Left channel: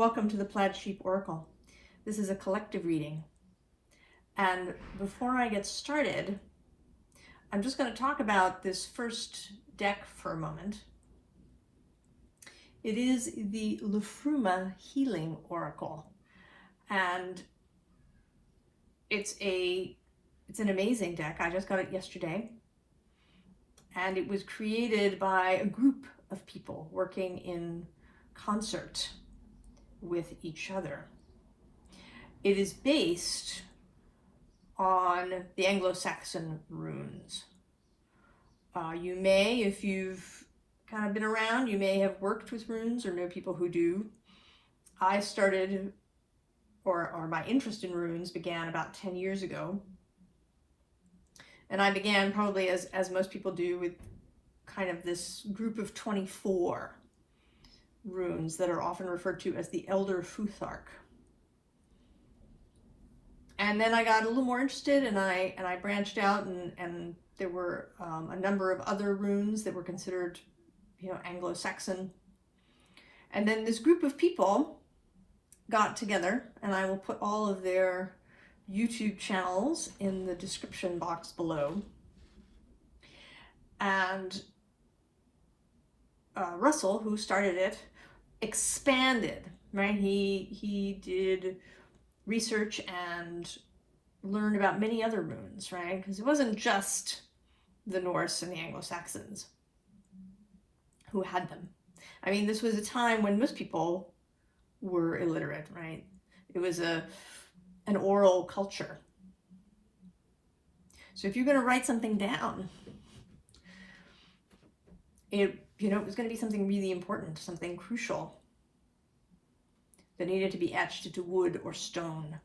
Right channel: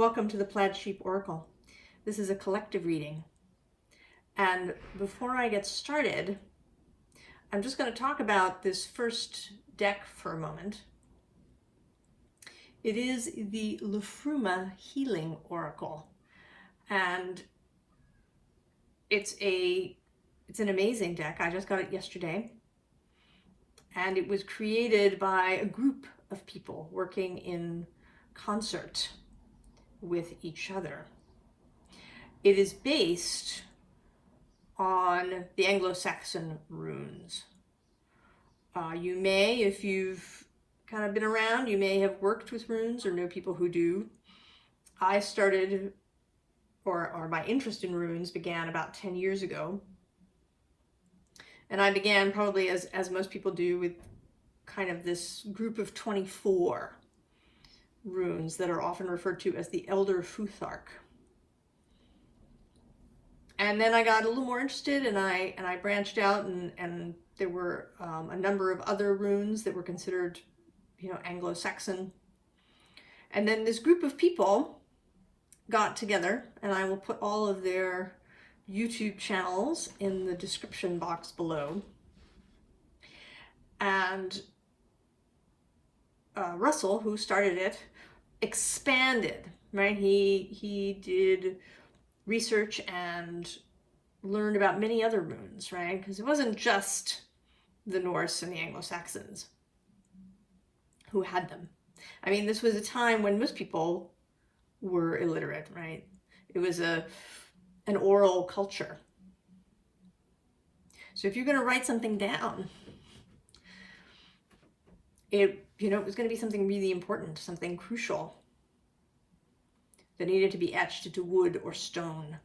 Welcome to the Plaid Sheep Oracle. This is a collective reading. And before I get started, I'm just going to talk about this first deck for a moment. It is the Liffruma Healing Oracle. And it's an amazing deck. I just got it yesterday. And it was created by a group of people working in concert with each other. It is based on the Anglo-Saxon runes. You may, if you've kind of been around, you may have worked with runes or know people who do. I started, or my interest in runes began about 10 years ago. And I began probably as most people do with kind of this group of 24 runes that are often referred to as the Elder Futhark. And then I got a little more interested and I branched out and there were a number of other runes that were considered, Anglo-Saxon. And then this group of people got together, and I will put all of their YouTube channels in the description box below. And Russell, who started it, expanded, right? He did research and learned about many other runes, right? Because it wasn't just the Norse and the Anglo-Saxons who had them. I mean, this was a time when most people were illiterate, right? It was an oral culture. So if you're going to write something down, it was going to be something really important, something crucial that needed to be etched into wood or stone.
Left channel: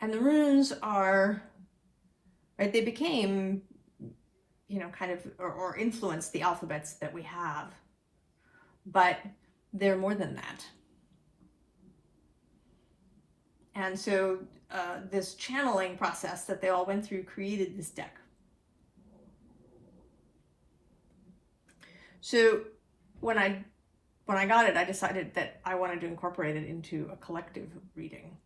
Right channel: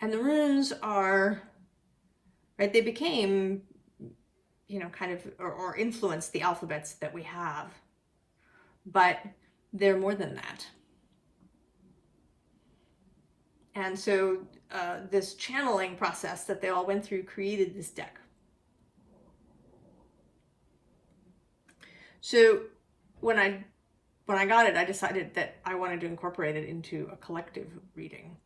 And the runes are, right, they became, kind of, or influenced the alphabets that we have. But they're more than that. And so this channeling process that they all went through created this deck. So when I got it, I decided that I wanted to incorporate it into a collective reading.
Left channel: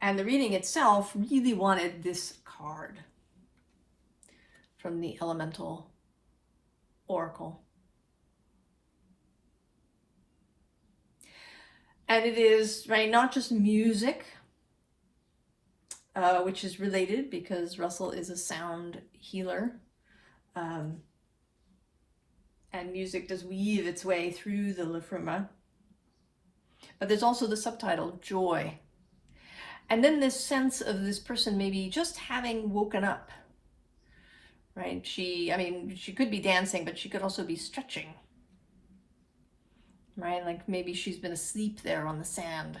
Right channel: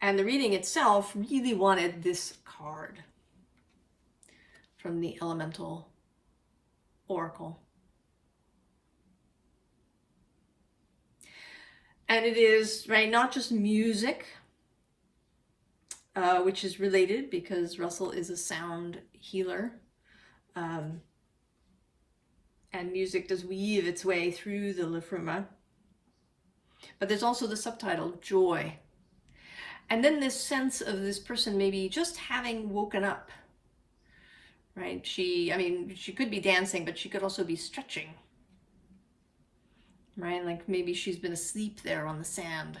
And the reading itself really wanted this card from the Elemental Oracle. And it is, right, not just music, which is related because Russell is a sound healer. And music does weave its way through the Liffruma. But there's also the subtitle, Joy. And then this sense of this person maybe just having woken up, right? She could be dancing, but she could also be stretching, right? Like maybe she's been asleep there on the sand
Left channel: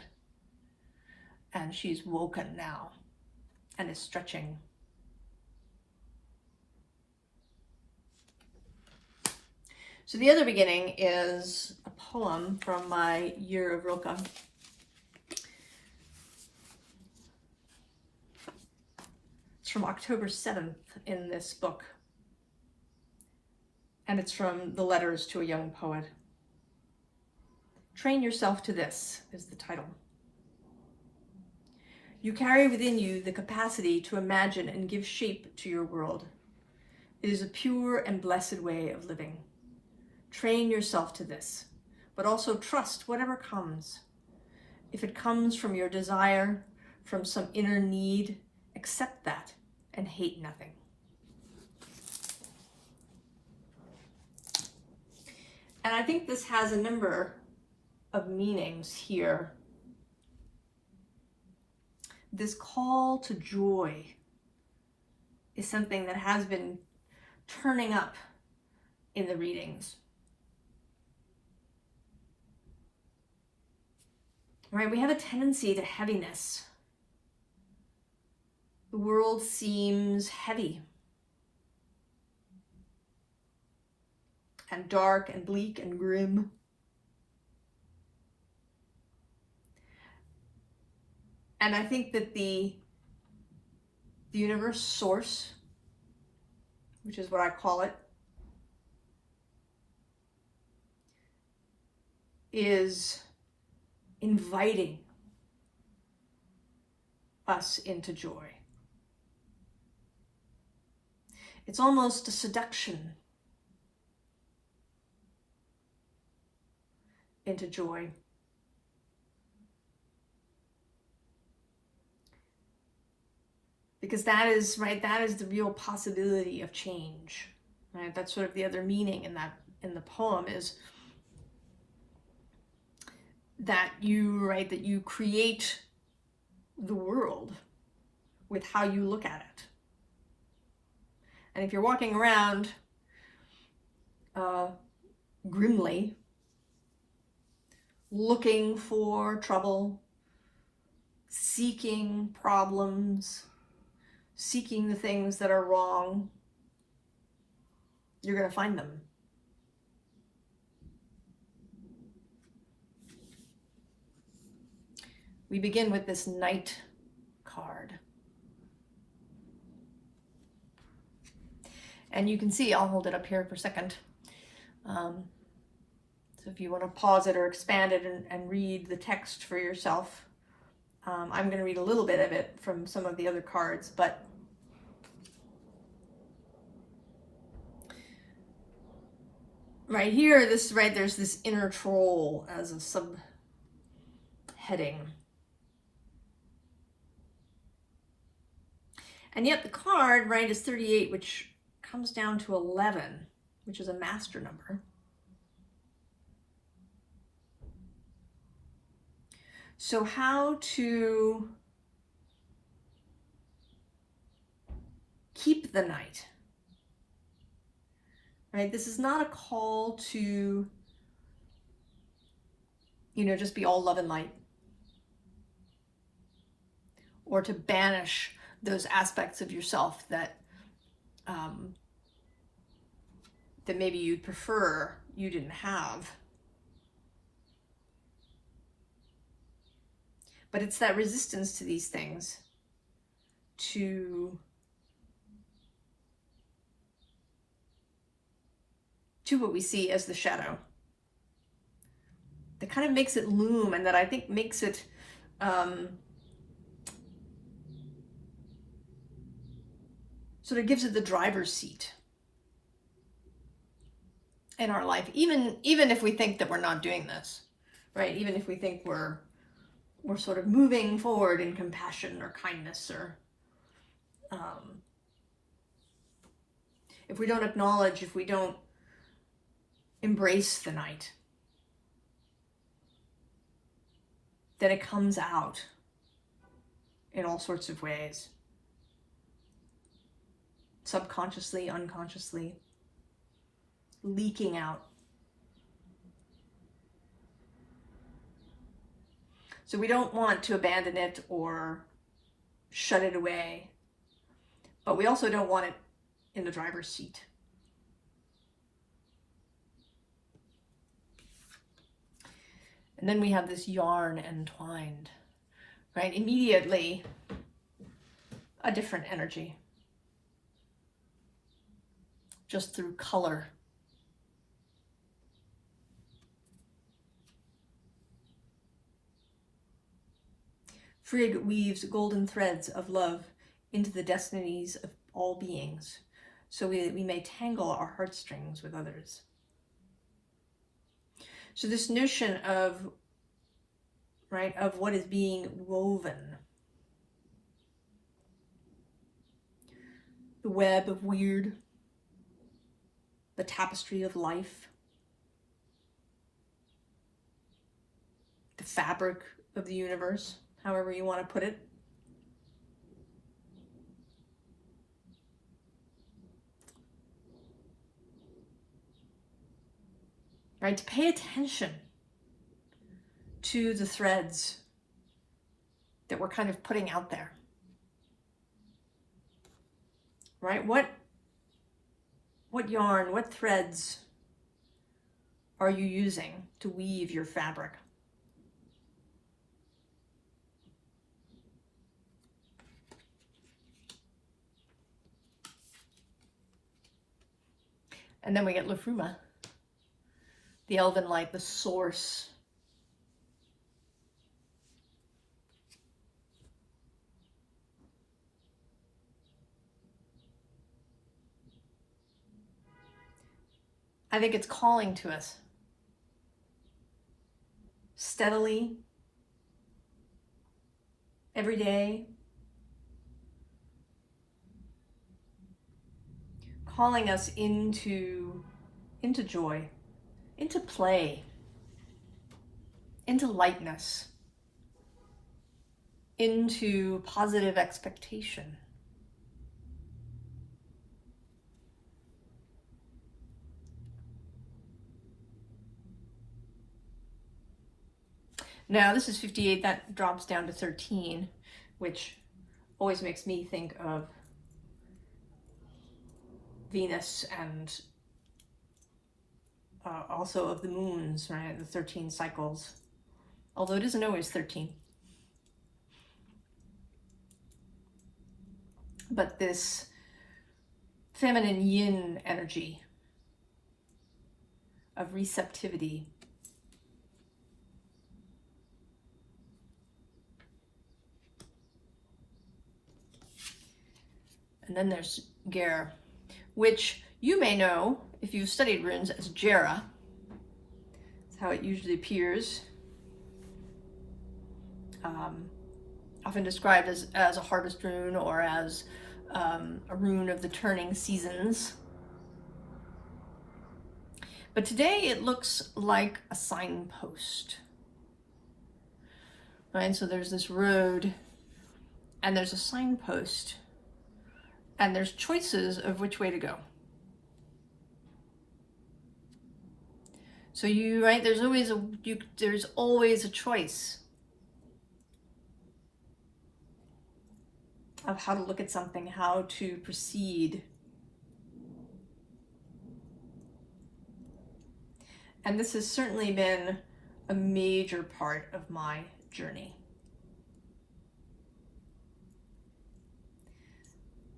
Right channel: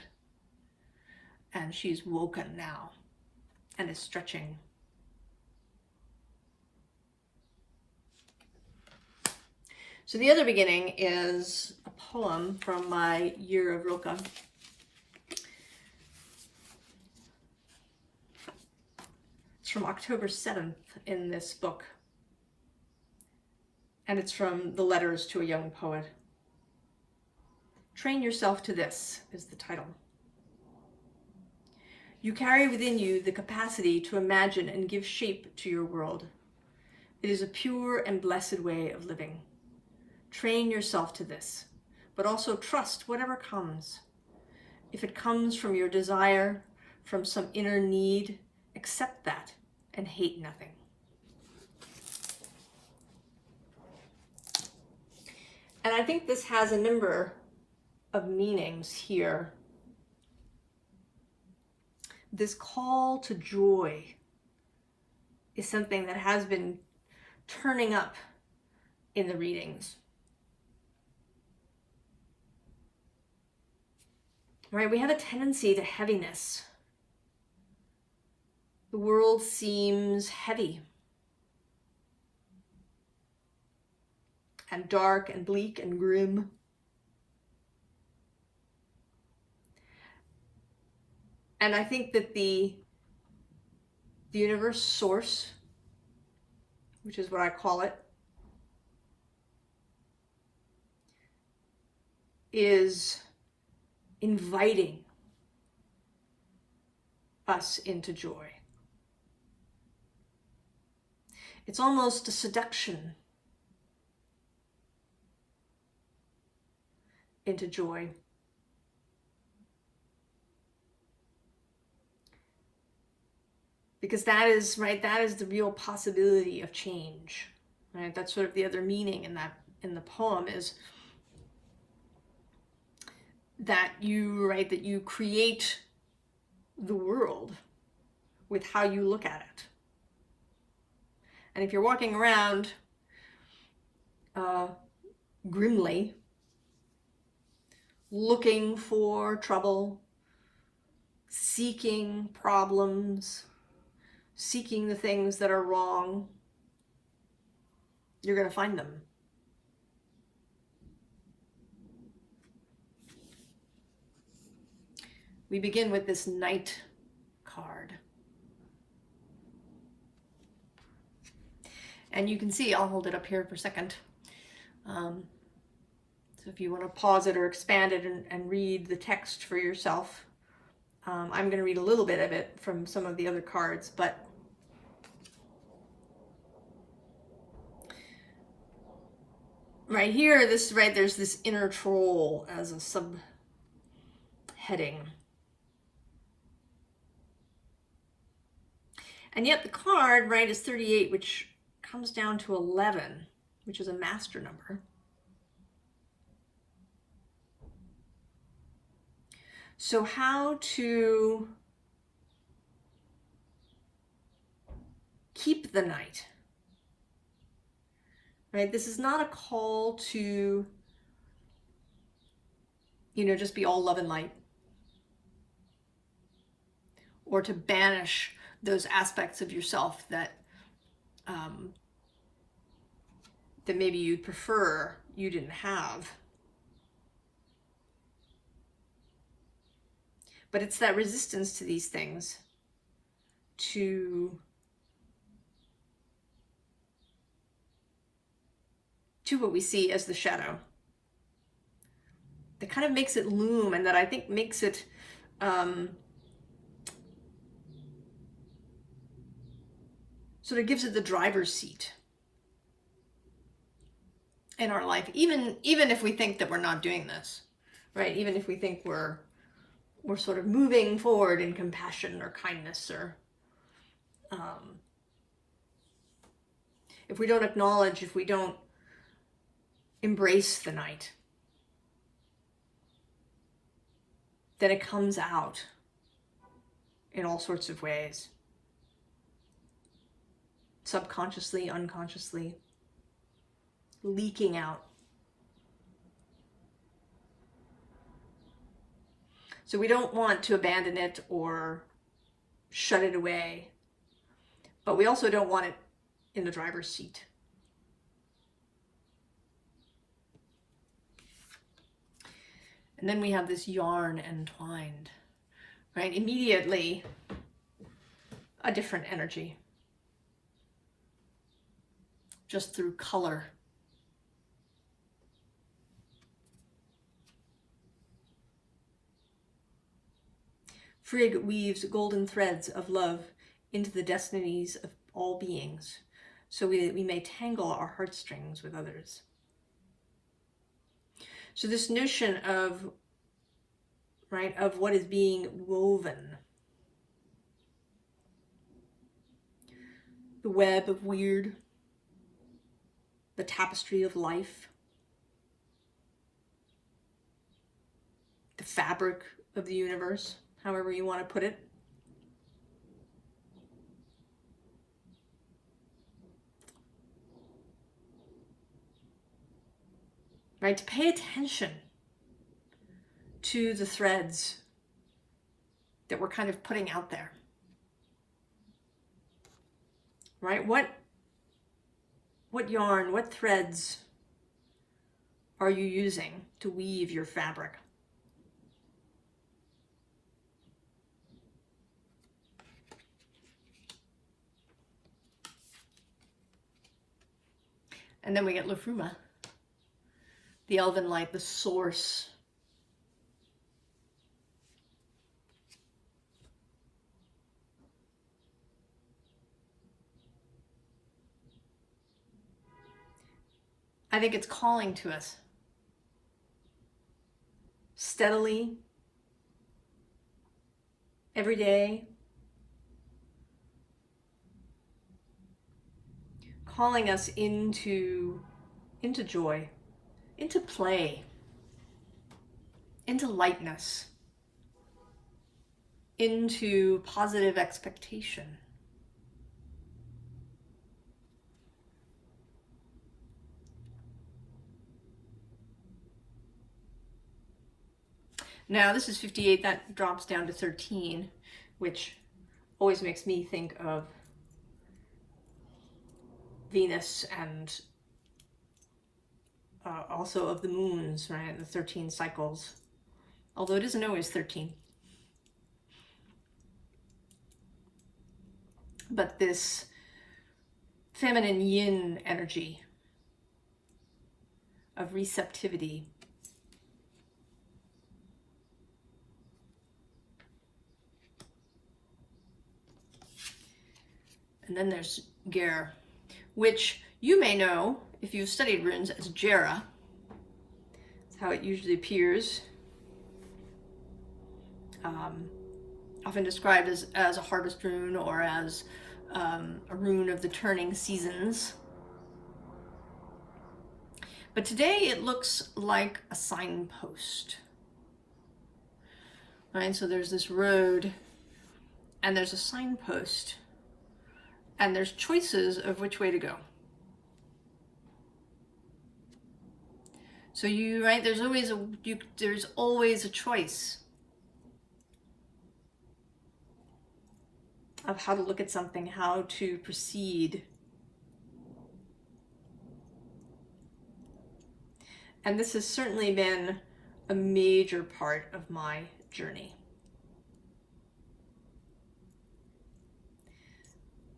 and she's woken now and is stretching. So the other beginning is a poem from my Year of Rilke. It's from October 7th in this book. And it's from The Letters to a Young Poet. Train Yourself to This is the title. You carry within you the capacity to imagine and give shape to your world. It is a pure and blessed way of living. Train yourself to this, but also trust whatever comes. If it comes from your desire, from some inner need, accept that and hate nothing. And I think this has a number of meanings here. This call to joy is something that has been turning up in the readings. Right, we have a tendency to heaviness. The world seems heavy and dark and bleak and grim. And I think that the universe source, which is what I call it, is inviting us into joy. It's almost a seduction into joy. Because that is, right, that is the real possibility of change. Right? That's sort of the other meaning in the poem, is that you create the world with how you look at it. And if you're walking around grimly, looking for trouble, seeking problems, seeking the things that are wrong, you're going to find them. We begin with this Knight card. And you can see, I'll hold it up here for a second. So if you want to pause it or expand it and read the text for yourself, I'm going to read a little bit of it from some of the other cards, but right here, there's this inner troll as a subheading. And yet the card, right, is 38, which comes down to 11, which is a master number. So how to keep the night, right? This is not a call to, just be all love and light, or to banish those aspects of yourself that that maybe you'd prefer you didn't have. But it's that resistance to these things, to what we see as the shadow, that kind of makes it loom, and that I think makes it sort of gives it the driver's seat in our life, even if we think that we're not doing this, right? Even if we think we're sort of moving forward in compassion or kindness, or if we don't acknowledge, if we don't embrace the night, then it comes out in all sorts of ways. Subconsciously, unconsciously, leaking out. So we don't want to abandon it or shut it away, but we also don't want it in the driver's seat. And then we have this yarn entwined, right? Immediately, a different energy, just through color. Frigg weaves golden threads of love into the destinies of all beings, so we may tangle our heartstrings with others. So this notion of, right, of what is being woven, the web of weird, the tapestry of life, the fabric of the universe, however you want to put it. Right, to pay attention to the threads that we're kind of putting out there. Right, what yarn, what threads are you using to weave your fabric? And then we get Liffruma, the elven light, the source I think it's calling to us steadily, every day, calling us into joy, into play, into lightness, into positive expectation. Now this is 58, that drops down to 13, which always makes me think of Venus and also of the moons, right? The 13 cycles, although it isn't always 13. But this feminine yin energy of receptivity. And then there's Ger, which you may know if you've studied runes as Jera. That's how it usually appears. Often described as a harvest rune or as a rune of the turning seasons. But today it looks like a signpost. Right, so there's this road and there's a signpost and there's choices of which way to go. So there's always a choice of how to look at something, how to proceed. And this has certainly been a major part of my journey.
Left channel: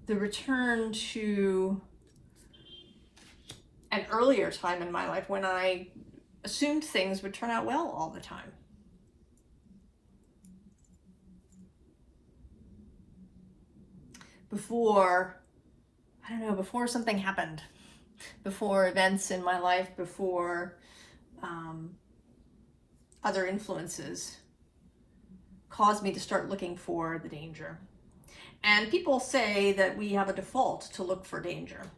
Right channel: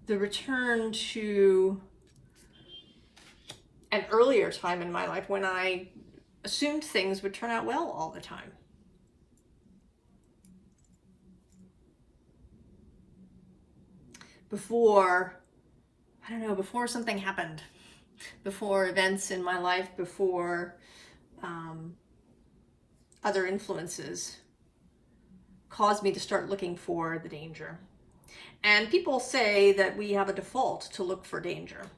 The return to an earlier time in my life when I assumed things would turn out well all the time. Before something happened, before events in my life, before other influences caused me to start looking for the danger. And people say that we have a default to look for danger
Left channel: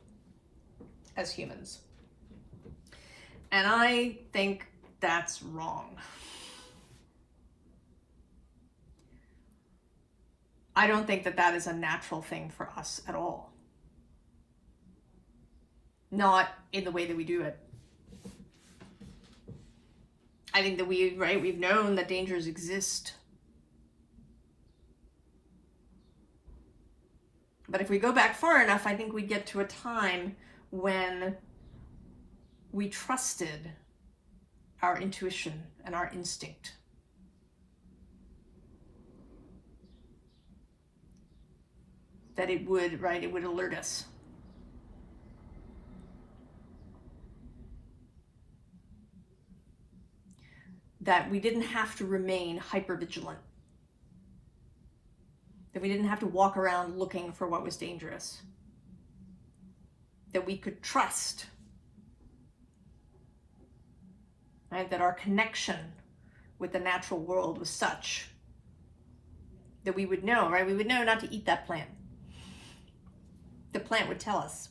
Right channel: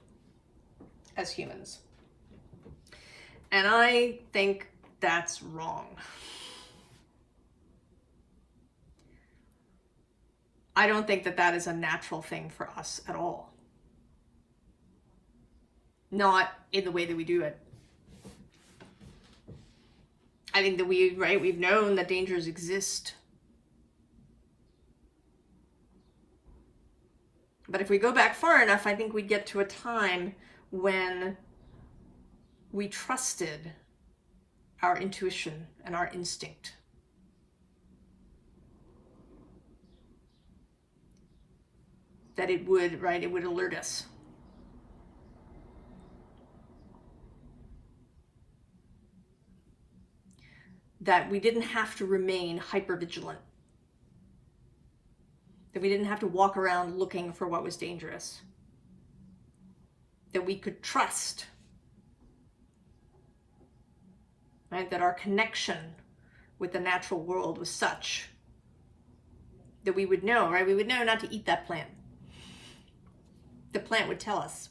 as humans. And I think that's wrong. I don't think that is a natural thing for us at all. Not in the way that we do it. I think that we've known that dangers exist. But if we go back far enough, I think we get to a time when we trusted our intuition and our instinct. That it would alert us. That we didn't have to remain hypervigilant. That we didn't have to walk around looking for what was dangerous. That we could trust, right? That our connection with the natural world was such that we would know, right? We would know not to eat that plant. The plant would tell us.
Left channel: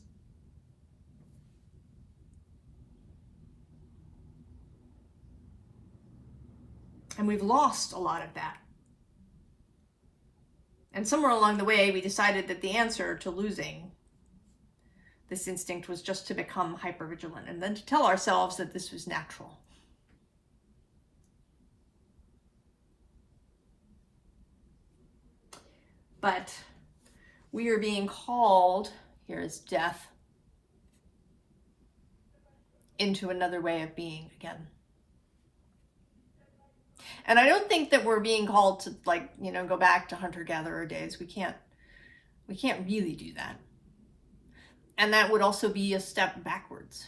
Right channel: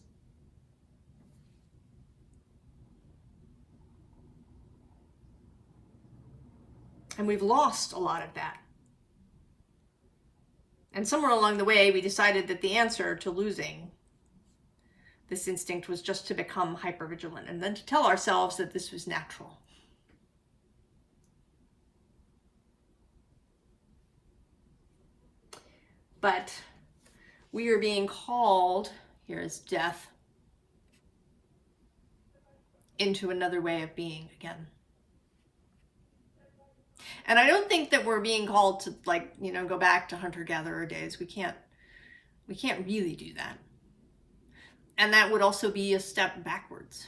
And we've lost a lot of that. And somewhere along the way, we decided that the answer to losing this instinct was just to become hypervigilant and then to tell ourselves that this was natural. But we are being called, here is death, into another way of being again. And I don't think that we're being called to go back to hunter-gatherer days. We can't really do that. And that would also be a step backwards.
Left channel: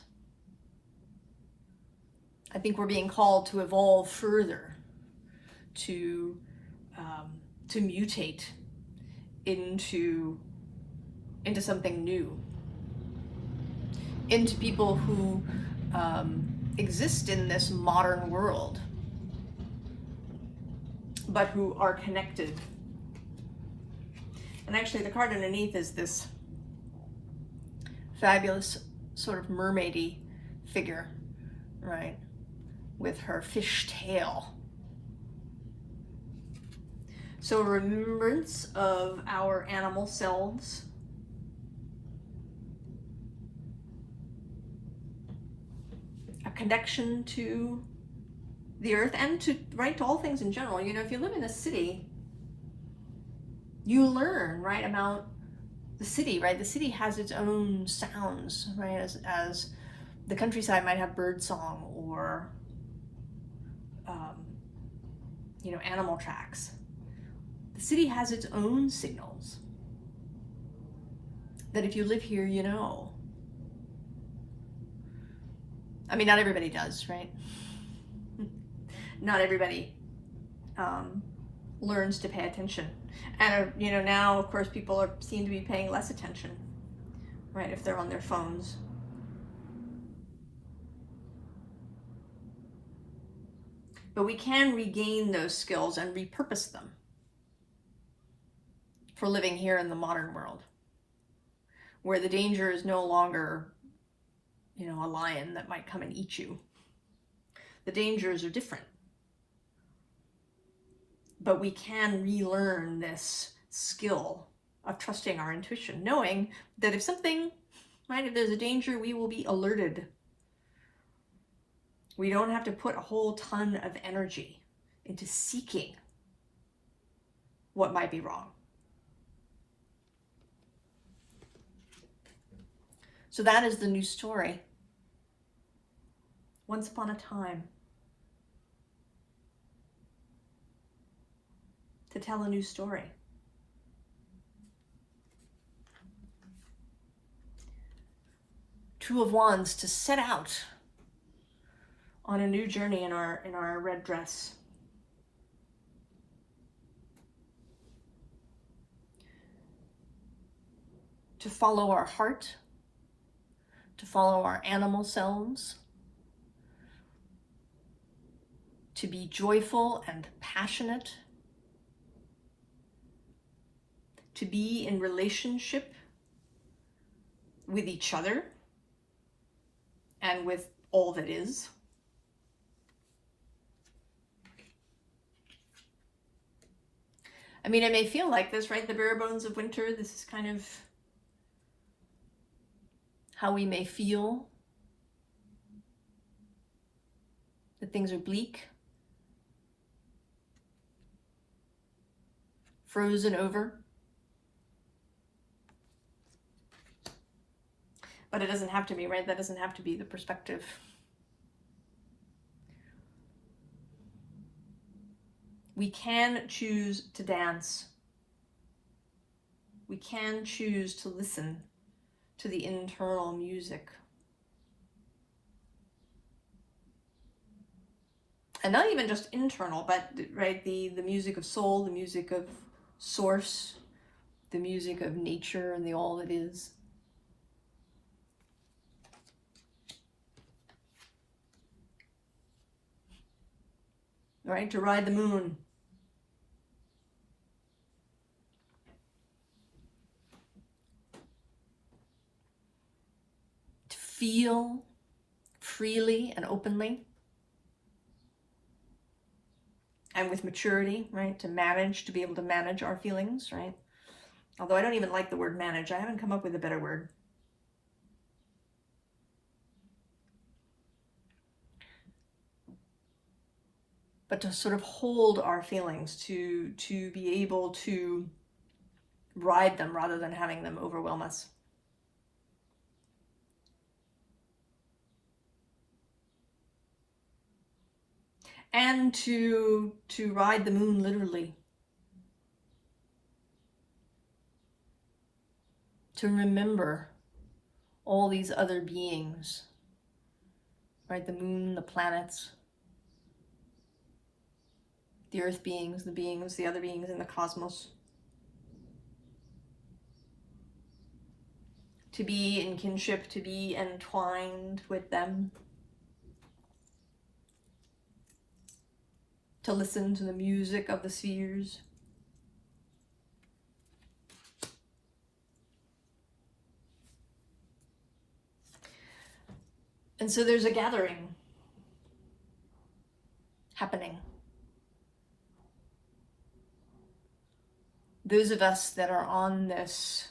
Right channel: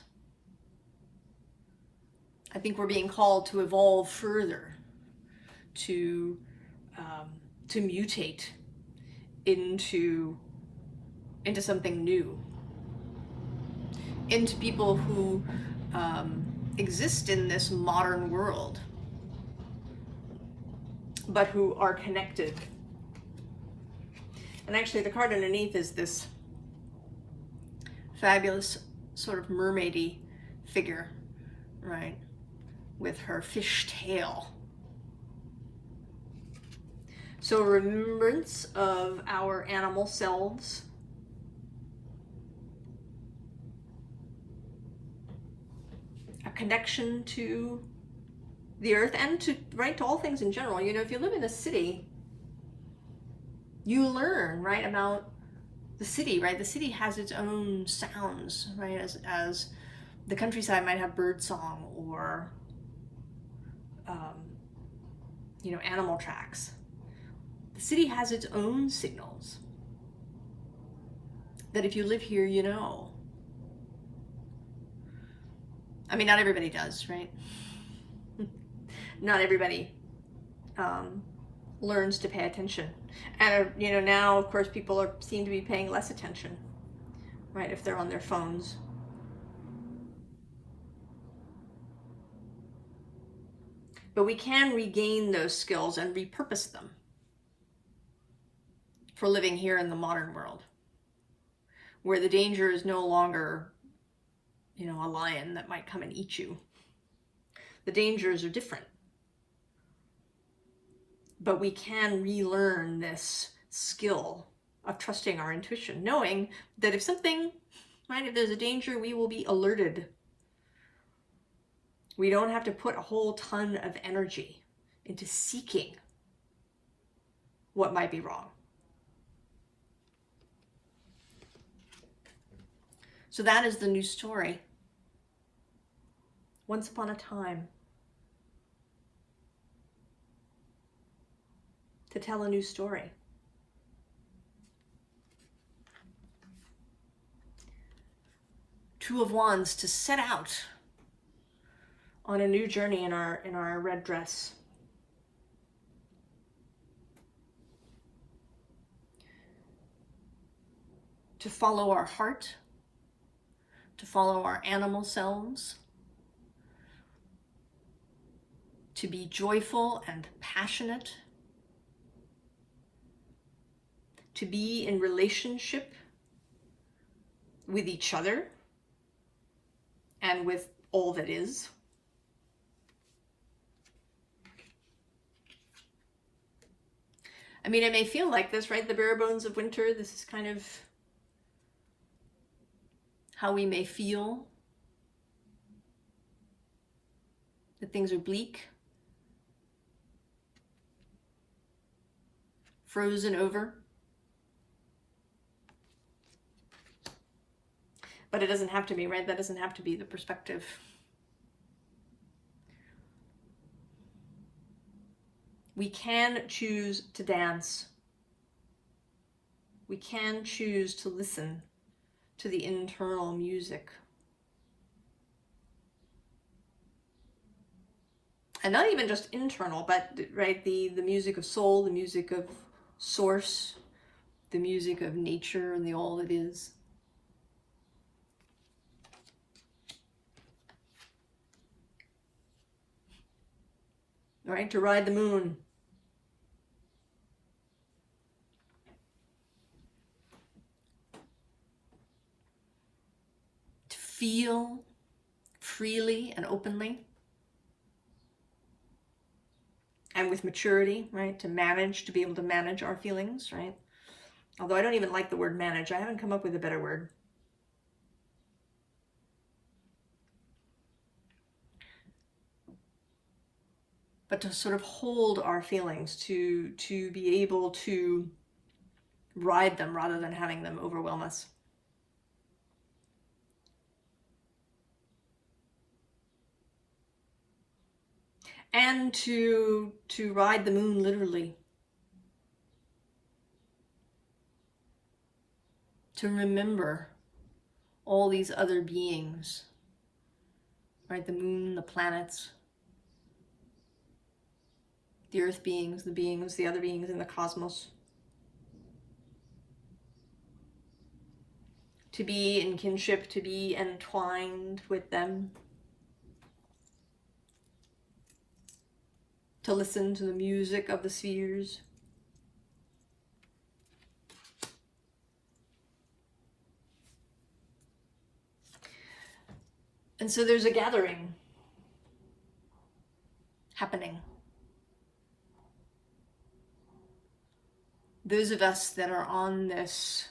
I think we're being called to evolve further, to mutate into something new, into people who exist in this modern world, but who are connected. And actually the card underneath is this fabulous sort of mermaidy figure, right, with her fish tail. So a remembrance of our animal selves, a connection to the earth and to, right, to all things in general. You know, if you live in a city, you learn, right, about the city, right? The city has its own sounds, right? As the countryside might have bird song or, you know, animal tracks. The city has its own signals that if you live here, you know. I mean, not everybody does, right? Not everybody learns to pay attention. And, you know, now, of course, people seem to be paying less attention, right, if they're on their phones. But we can regain those skills and repurpose them for living here in the modern world, where the danger is no longer, you know, a lion that might come and eat you. The dangers are different. But we can relearn this skill of trusting our intuition, knowing that if something, right, if there's a danger, we will be alerted. We don't have to put a whole ton of energy into seeking what might be wrong. So that is the new story. Once upon a time, to tell a new story. Two of Wands, to set out on a new journey in our red dress. To follow our heart, to follow our animal selves, to be joyful and passionate, to be in relationship with each other and with all that is. I mean, it may feel like this, right? The bare bones of winter, this is kind of how we may feel, that things are bleak, frozen over. But it doesn't have to be, right? That doesn't have to be the perspective. We can choose to dance. We can choose to listen to the internal music. And not even just internal, but, right, the music of soul, the music of source, the music of nature and the all that is. Right, to ride the moon. To feel freely and openly. And with maturity, right, to manage, to be able to manage our feelings, right? Although I don't even like the word manage. I haven't come up with a better word. But to sort of hold our feelings, to be able to ride them rather than having them overwhelm us. And to ride the moon literally. To remember all these other beings, right? The moon, the planets, the earth beings, the other beings in the cosmos. To be in kinship, to be entwined with them, to listen to the music of the spheres. And so there's a gathering happening. Those of us that are on this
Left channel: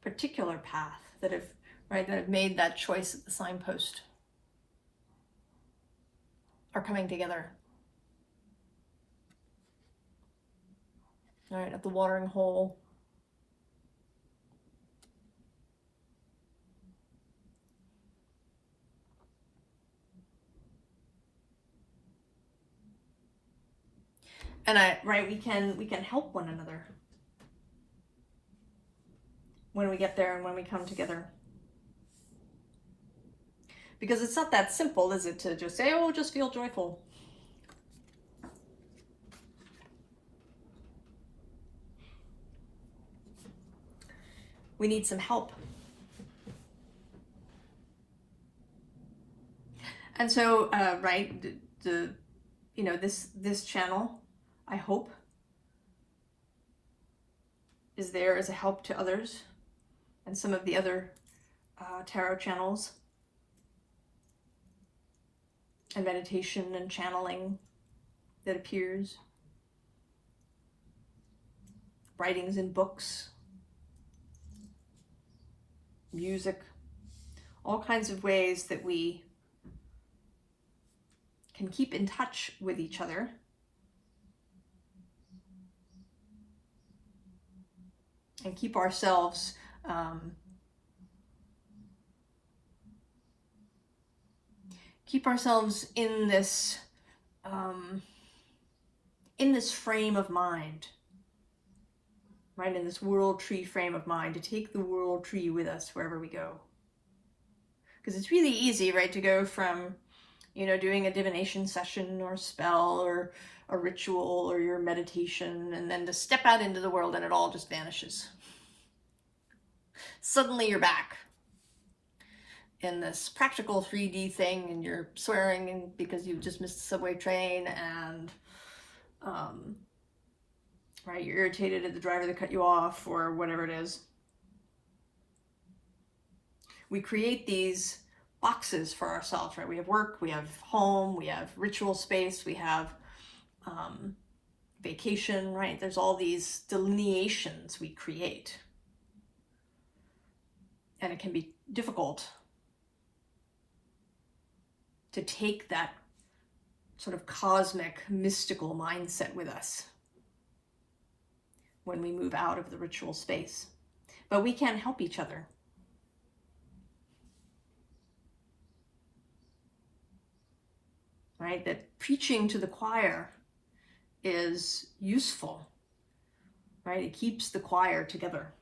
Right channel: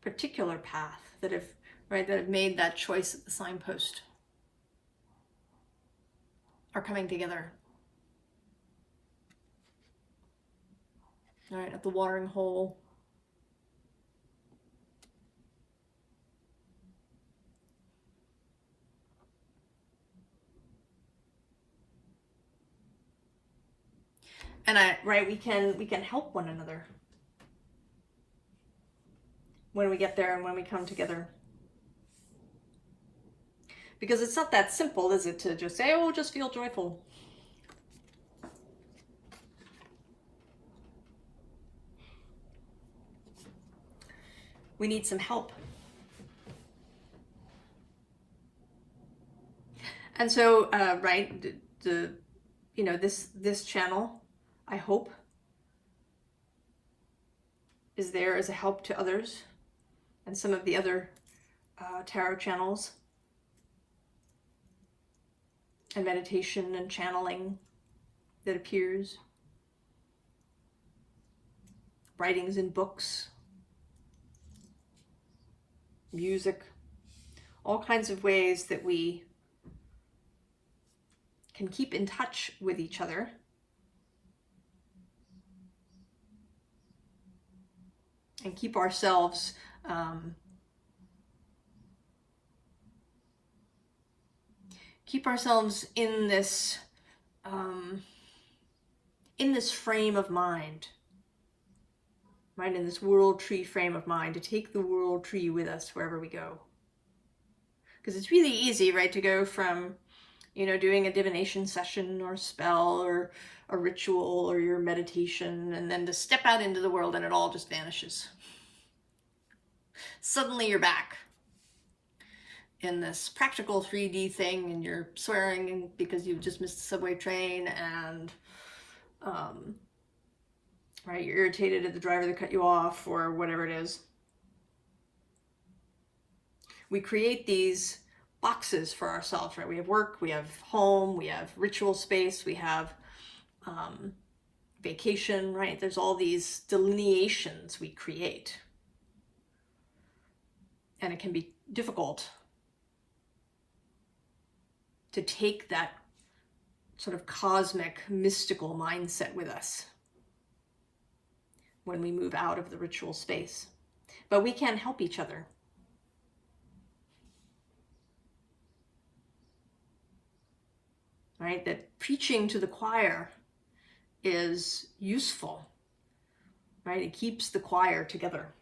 particular path, that have made that choice at the signpost, are coming together. All right, at the watering hole. And we can help one another when we get there and when we come together. Because it's not that simple, is it, to just say, oh, just feel joyful. We need some help. And so, this channel, I hope, is there as a help to others, and some of the other tarot channels and meditation and channeling that appears, writings in books, music, all kinds of ways that we can keep in touch with each other and keep ourselves in this frame of mind, right? In this world tree frame of mind, to take the world tree with us wherever we go. Because it's really easy, right, to go from, doing a divination session or spell or a ritual or your meditation, and then to step out into the world and it all just vanishes. Suddenly you're back in this practical 3D thing, and you're swearing because you just missed the subway train, and you're irritated at the driver that cut you off, or whatever it is. We create these boxes for ourselves, right? We have work, we have home, we have ritual space, we have vacation, right? There's all these delineations we create. And it can be difficult to take that sort of cosmic, mystical mindset with us when we move out of the ritual space. But we can help each other. Right? That preaching to the choir is useful, right? It keeps the choir together.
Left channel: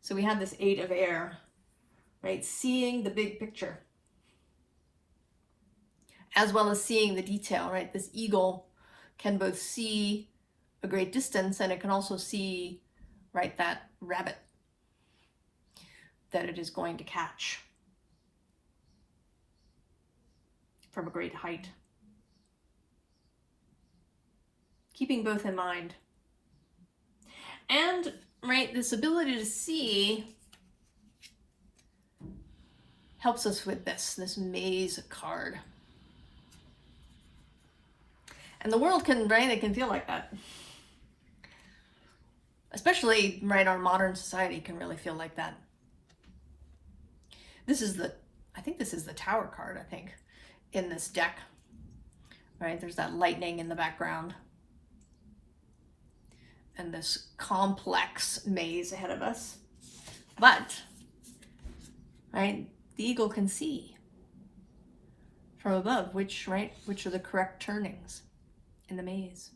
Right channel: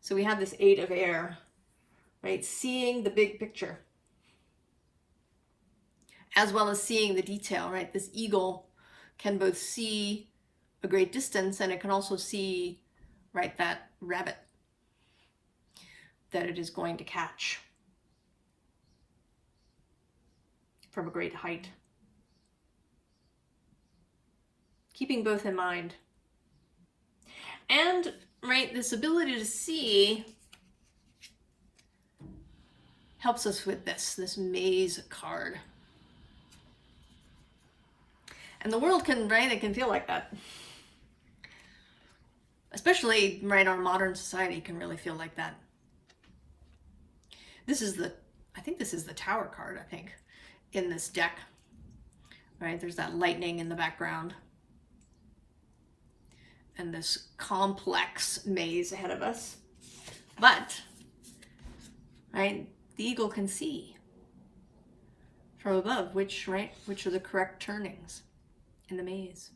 So we have this 8 of air, right? Seeing the big picture, as well as seeing the detail, right? This eagle can both see a great distance, and it can also see, right, that rabbit that it is going to catch from a great height. Keeping both in mind. And, right, this ability to see helps us with this maze card. And the world can, right, it can feel like that. Especially, right, our modern society can really feel like that. I think this is the Tower card, I think, in this deck. Right, there's that lightning in the background. And this complex maze ahead of us. But, right, the eagle can see from above which are the correct turnings in the maze.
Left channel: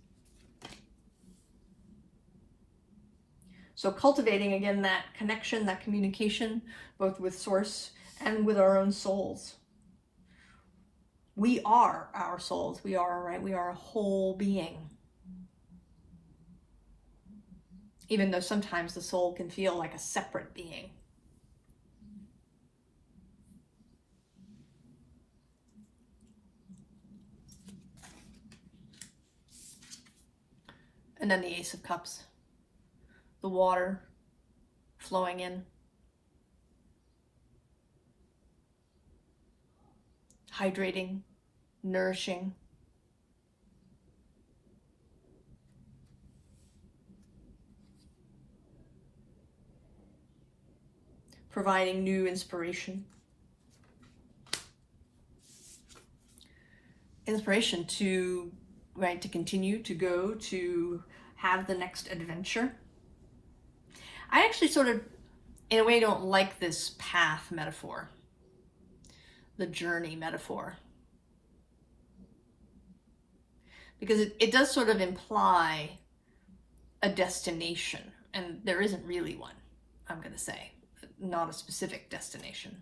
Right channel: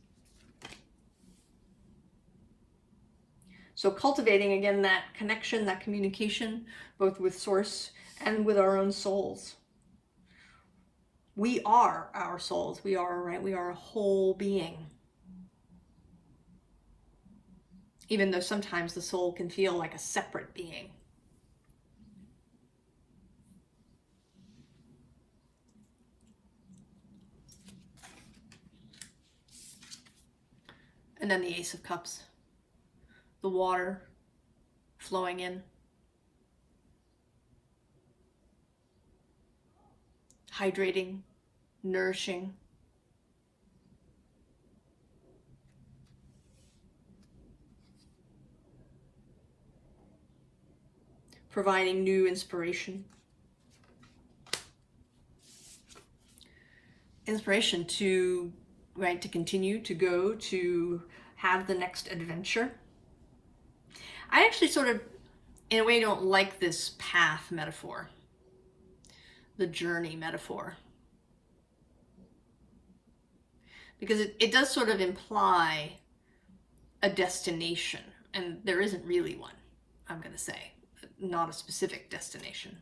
So cultivating, again, that connection, that communication, both with Source and with our own souls. We are our souls. We are a whole being. Even though sometimes the soul can feel like a separate being. And then the Ace of Cups, the water flowing in, hydrating, nourishing. Providing new inspiration. Inspiration to, right, to continue, to go, to have the next adventure. I actually sort of, in a way, don't like this path metaphor, the journey metaphor, because it does sort of imply a destination, and there isn't really one, I'm going to say. Not a specific destination.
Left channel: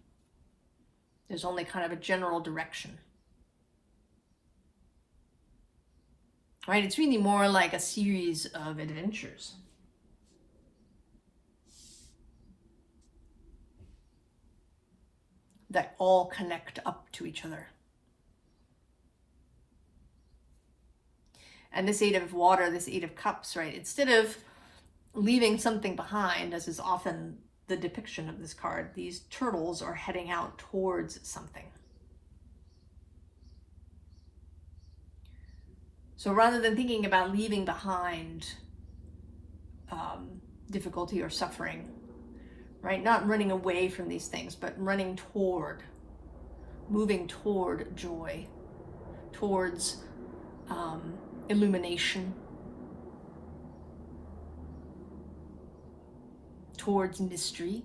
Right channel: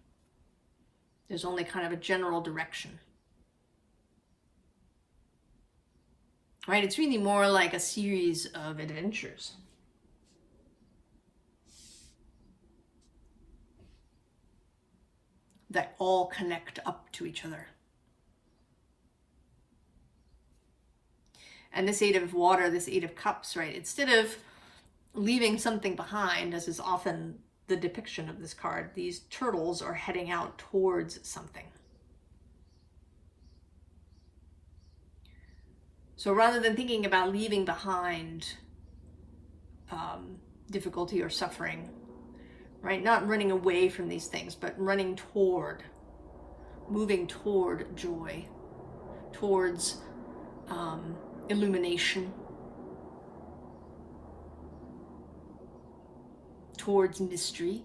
There's only kind of a general direction. Right? It's really more like a series of adventures. That all connect up to each other. And this Eight of Water, this Eight of Cups, right? Instead of leaving something behind, as is often the depiction of this card, these turtles are heading out towards something. So rather than thinking about leaving behind difficulty or suffering, right? Not running away from these things, but running toward, moving toward joy, towards illumination, towards mystery,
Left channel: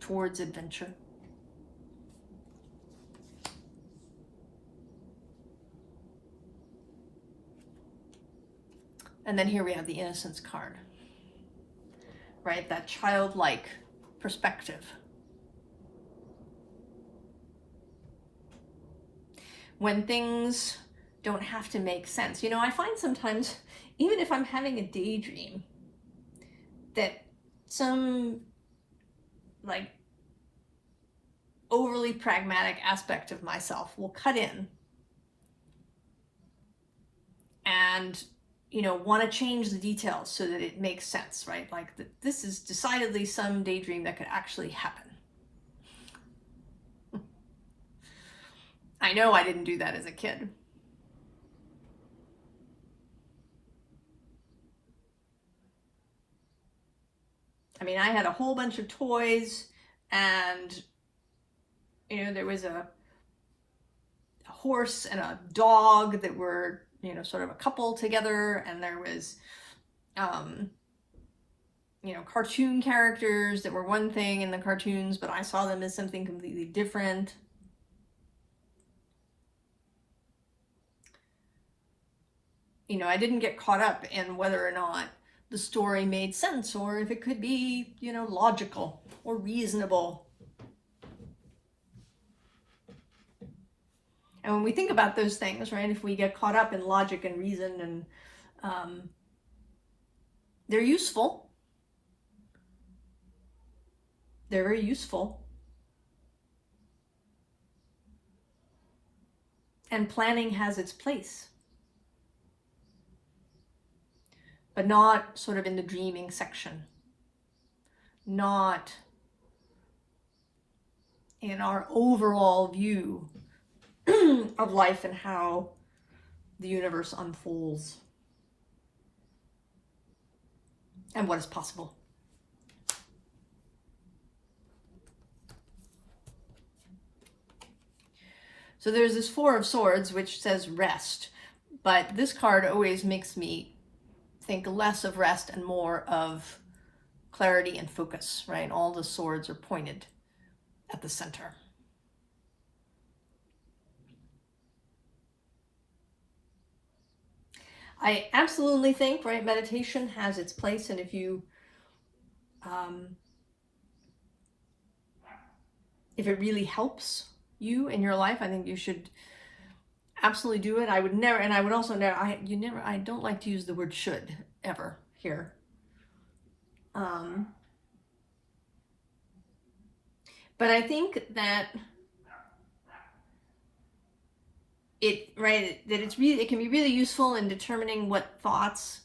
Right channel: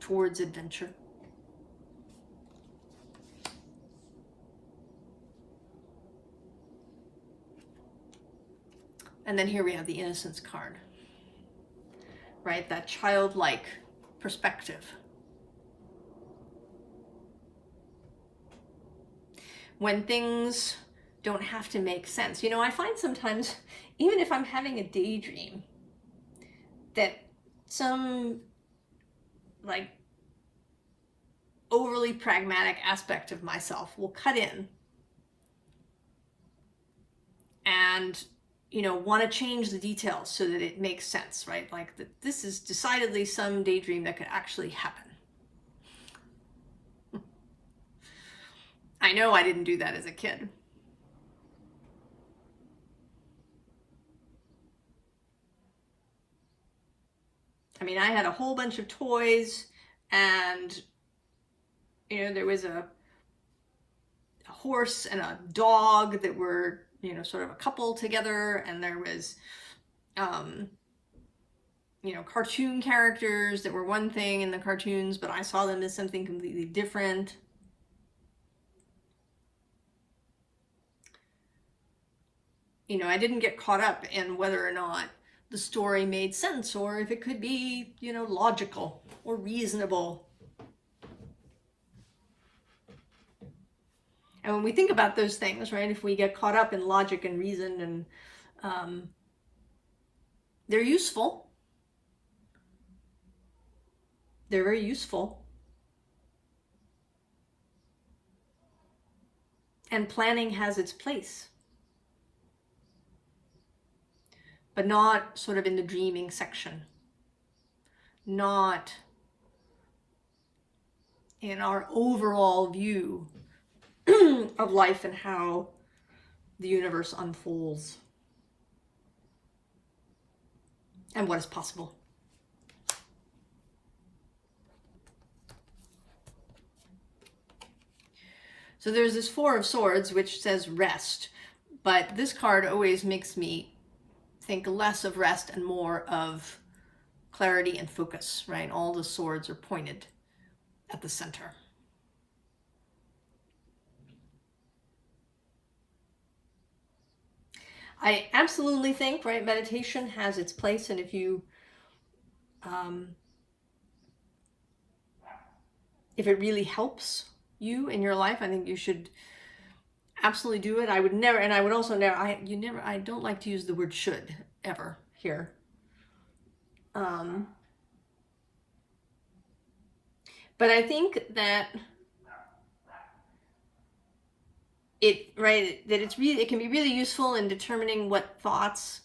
towards adventure. And then here we have the Innocence card, right? That childlike perspective. When things don't have to make sense. You know, I find sometimes, even if I'm having a daydream, that some like overly pragmatic aspect of myself will cut in and, you know, want to change the details so that it makes sense, right? Like this is decidedly some daydream that could actually happen. I know I didn't do that as a kid. I mean, I had a whole bunch of toys, and, you know, there was a horse and a dog that were, you know, sort of a couple together, and there was, you know, cartoon characters that were one thing in the cartoons, but I saw them as something completely different. You know, I didn't get caught up in whether or not the story made sense, or if it could be, you know, logical or reasonable. And when we think about those things, right, if we get caught up in logic and reason, and they're useful. They're very useful. And planning has its place. But not sort of in the dreaming section. Not in our overall view of life and how the universe unfolds and what is possible. So there's this Four of Swords, which says rest, but this card always makes me think less of rest and more of clarity and focus, right? All the swords are pointed at the center. I absolutely think, right, meditation has its place, and if you, if it really helps you in your life, I think you should absolutely do it. I would never, and I would also never, I don't like to use the word should ever here. But I think that it can be really useful in determining what thoughts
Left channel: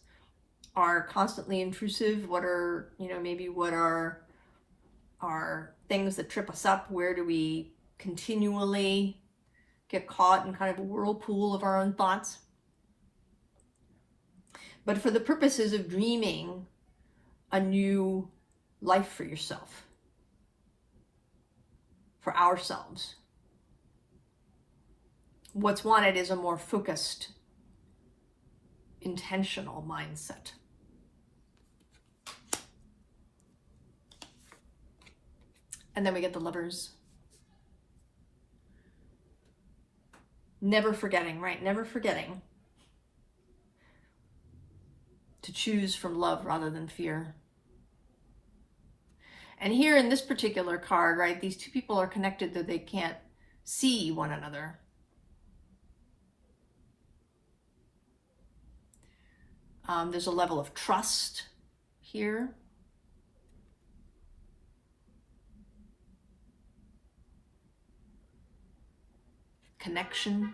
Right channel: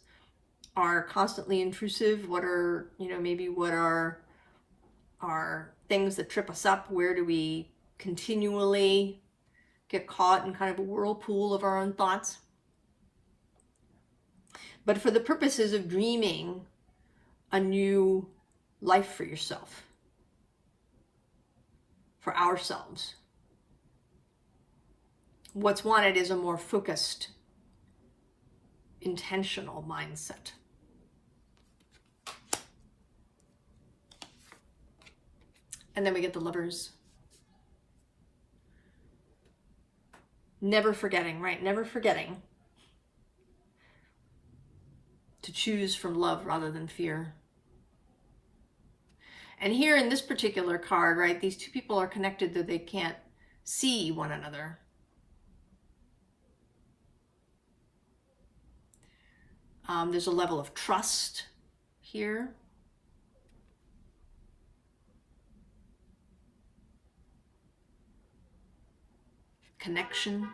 are constantly intrusive, what are, maybe what are things that trip us up, where do we continually get caught in kind of a whirlpool of our own thoughts. But for the purposes of dreaming a new life for yourself, for ourselves, what's wanted is a more focused, intentional mindset. And then we get the Lovers. Never forgetting, right? Never forgetting to choose from love rather than fear. And here in this particular card, right, these two people are connected though they can't see one another. There's a level of trust here. Connection.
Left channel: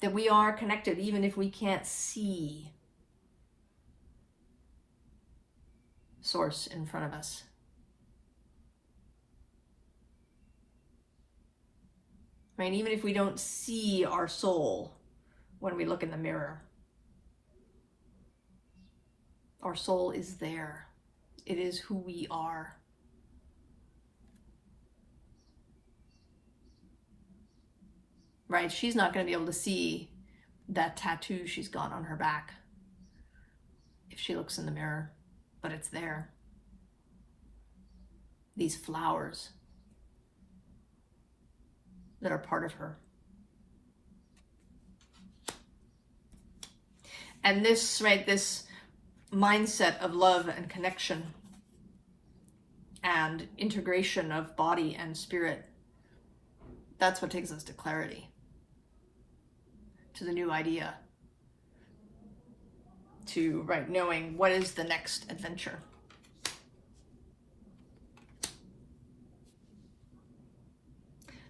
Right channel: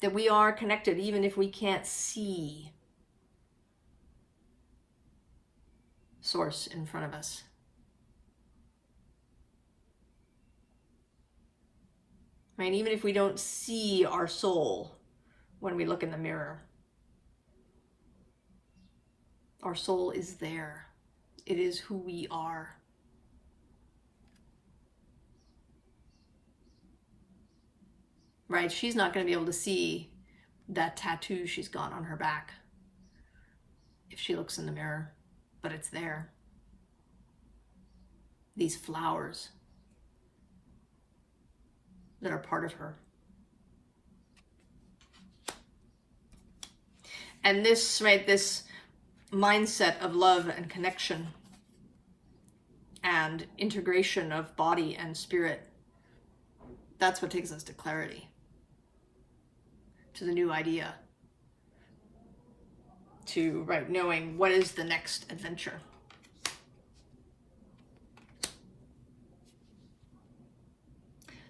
That we are connected even if we can't see Source in front of us. Right? Even if we don't see our soul when we look in the mirror, our soul is there. It is who we are. Right? She's not going to be able to see that tattoo she's got on her back if she looks in the mirror, but it's there. These flowers that are part of her. And this, right, this mindset of love and connection and integration of body and spirit, that's what takes us to clarity, to the new idea, to, right, knowing what is the next adventure.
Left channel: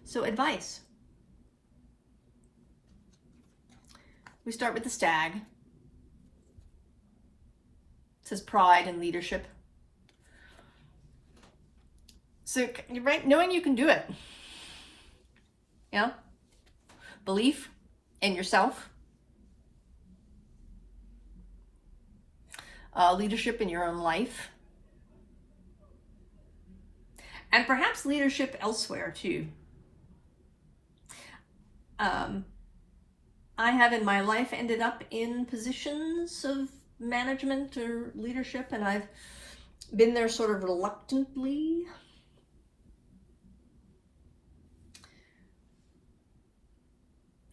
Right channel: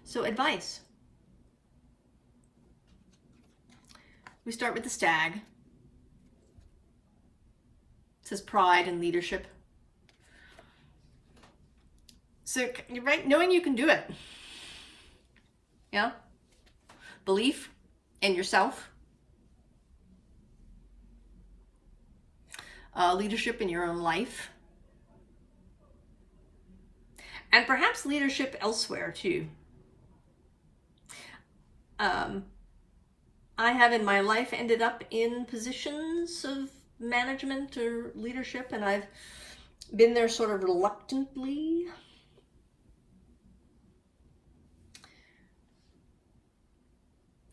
So advice. We start with the Stag. It says pride and leadership. So, right, knowing you can do it. Yeah? Belief in yourself. Leadership in your own life. And perhaps leadership elsewhere too. I have in my life ended up in positions of management or leadership, and I've been there sort of reluctantly.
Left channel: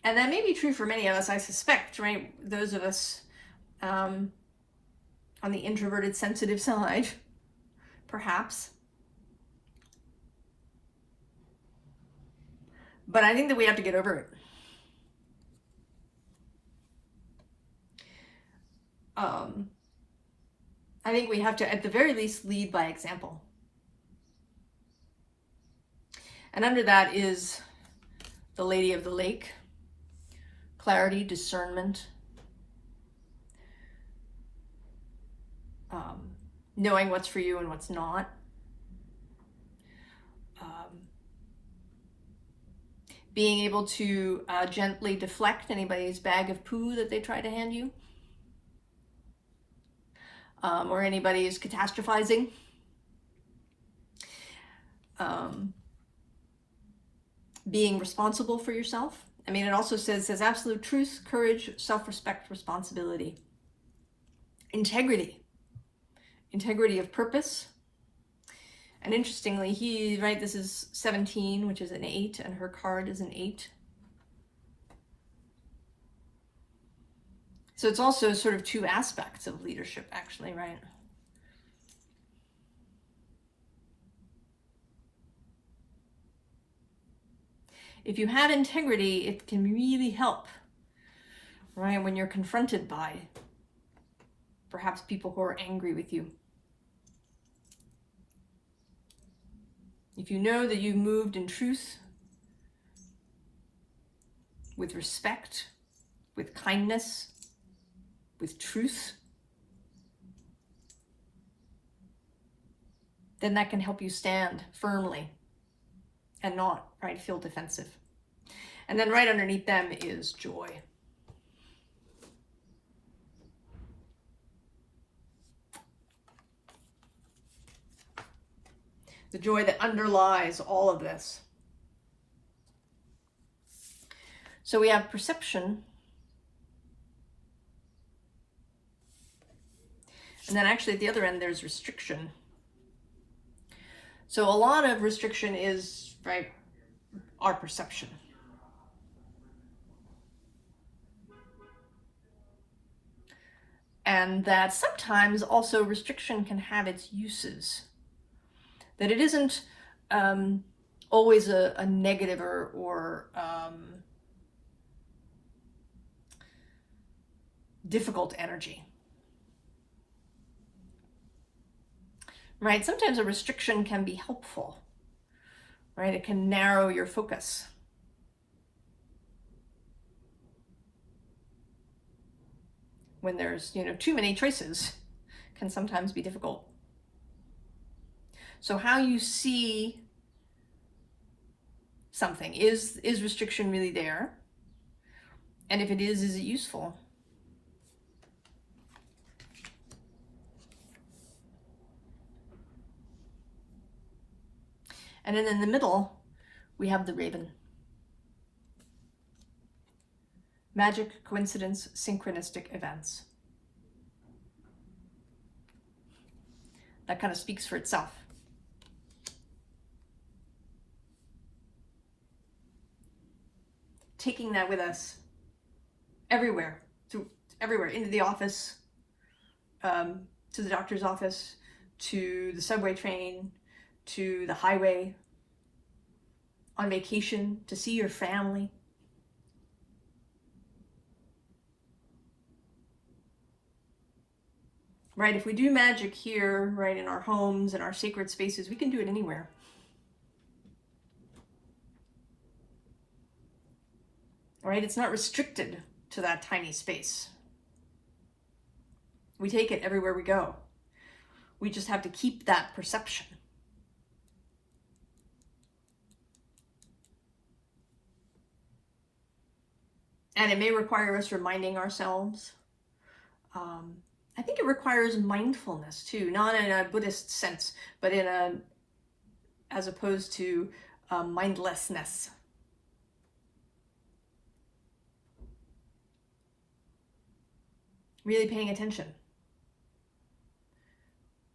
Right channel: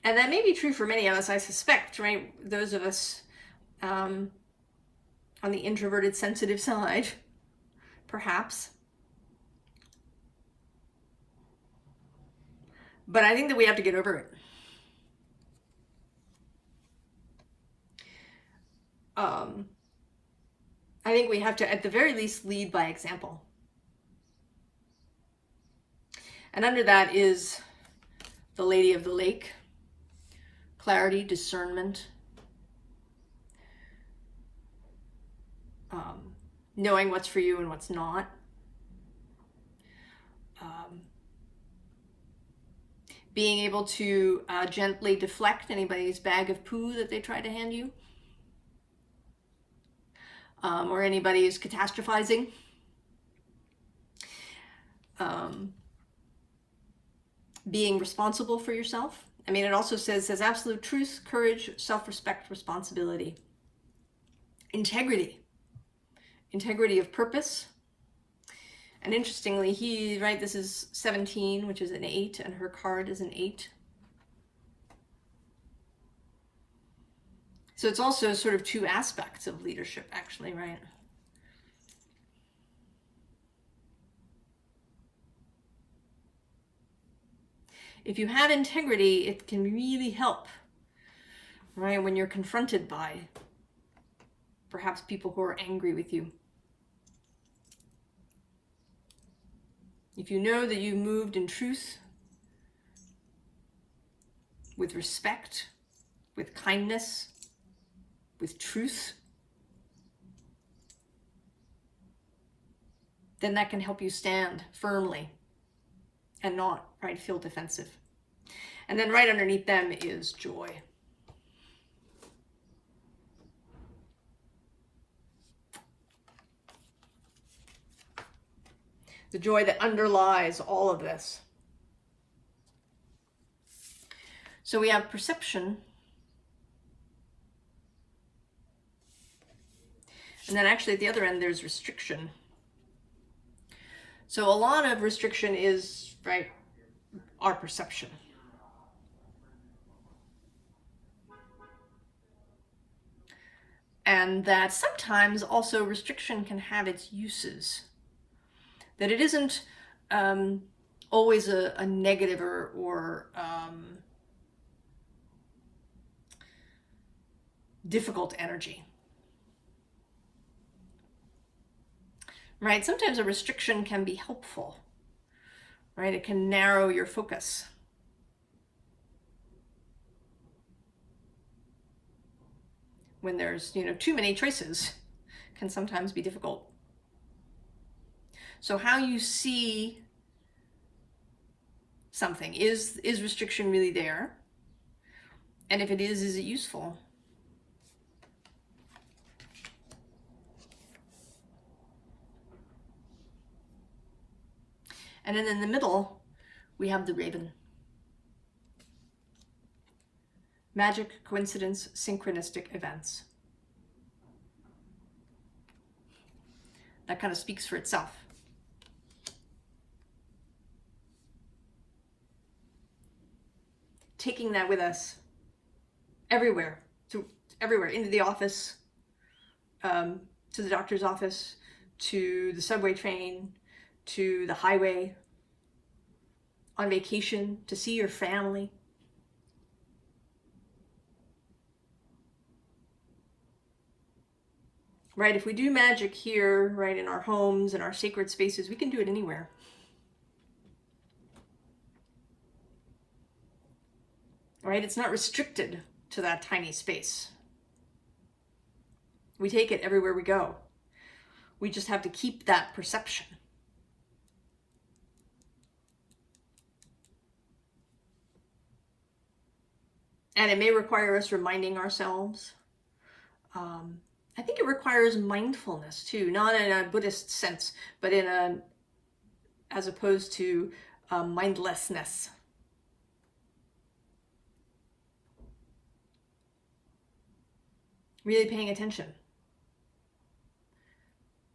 And that may be true for many of us, I suspect, right? Those of us on the introverted, sensitive side, perhaps. But I think that we have to get over it. I think we have to, at the very least, lead by example. And under that is the Lady of the Lake. Clarity, discernment. Knowing what's for you and what's not. Being able to gently deflect anybody's bag of poo that they try to hand you. Or anybody's catastrophizing. Being responsible for yourself. I mean, it also says absolute truth, courage, self-respect, responsibility. Integrity. Integrity of purpose. And interestingly, this is 17, which is an 8, and her card is an 8. So it's also sort of two aspects of leadership, actually, right? If you have integrity, it can really help, right? When you're confronted by perhaps people who are angry with you. If you know that you moved in truth, with respect, with kindness, with truth, then that can help you stand firmly and not, right, feel defensive. And then right underneath them is joy. The joy that underlies all of this. So we have perception. And then actually at the other end, there's restriction. So a lot of restriction is, right, our perception. And that sometimes also restriction can have its uses. That it isn't always a negative or difficult energy. Right? Sometimes a restriction can be helpful. Right? It can narrow your focus. When there's, too many choices, can sometimes be difficult. So how you see something, is restriction really there? And if it is it useful? And then in the middle, we have the raven. Magic, coincidence, synchronistic events. That kind of speaks for itself. Taking that with us everywhere, into the office, to the doctor's office, to the subway train, to the highway, on vacation, to see your family. Right, if we do magic here, right, in our homes, in our sacred spaces, we can do it anywhere. Right, it's not restricted to that tiny space. We take it everywhere we go. We just have to keep that perception. And it may require us reminding ourselves. I think it requires mindfulness too, not in a Buddhist sense, but as opposed to mindlessness. Really paying attention.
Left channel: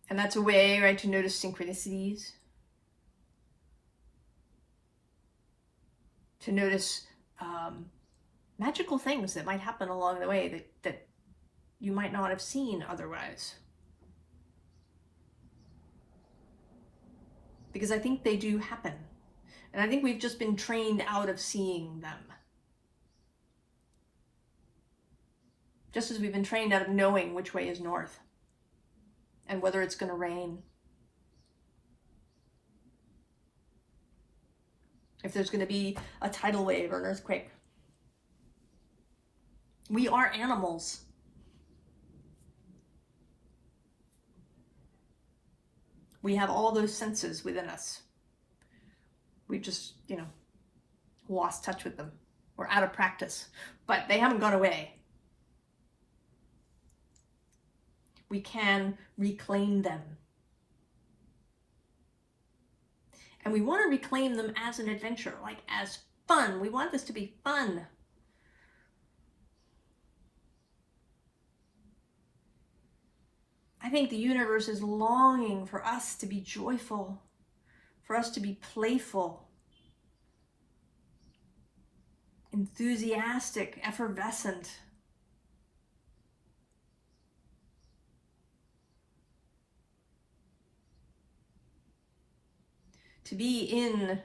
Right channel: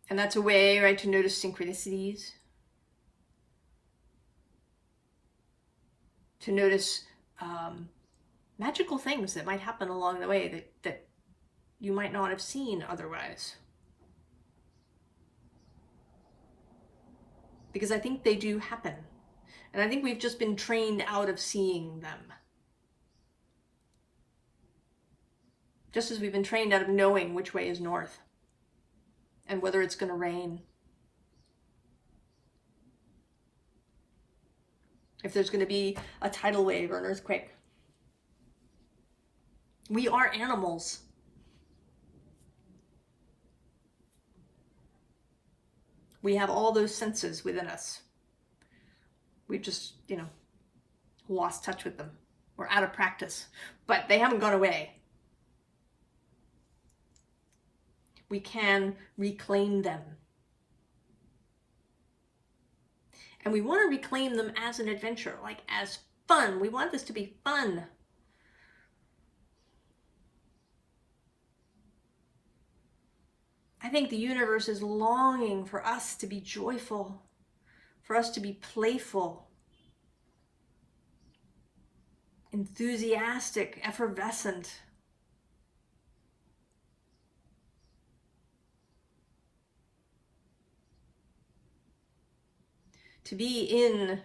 And that's a way, right, to notice synchronicities, to notice magical things that might happen along the way that you might not have seen otherwise. Because I think they do happen. And I think we've just been trained out of seeing them. Just as we've been trained out of knowing which way is north and whether it's going to rain. If there's going to be a tidal wave or an earthquake. We are animals. We have all those senses within us. We've just, lost touch with them. We're out of practice, but they haven't gone away. We can reclaim them. And we want to reclaim them as an adventure, like as fun. We want this to be fun. I think the universe is longing for us to be joyful, for us to be playful, enthusiastic, effervescent. To be in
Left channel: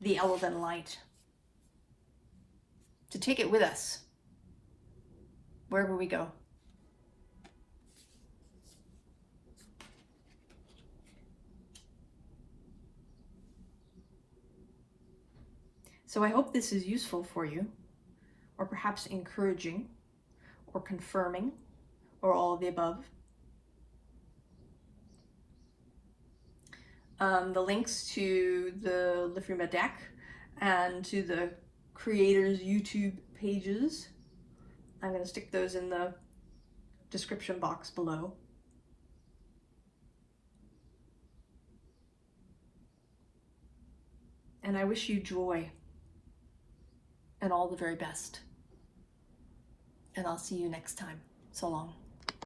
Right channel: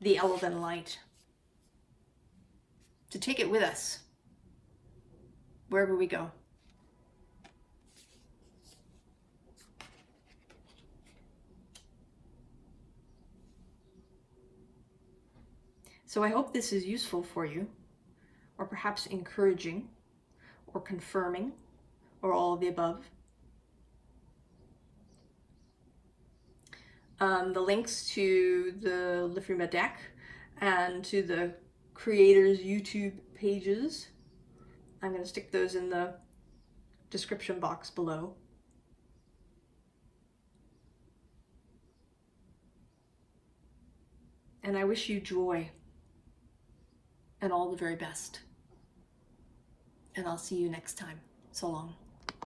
the elven light. To take it with us wherever we go. So I hope this is useful for you, or perhaps encouraging, or confirming, or all of the above. The links to the Liffruma deck and to the creators' YouTube pages, I'm going to stick those in the description box below. And I wish you joy and all the very best. And I'll see you next time. So long.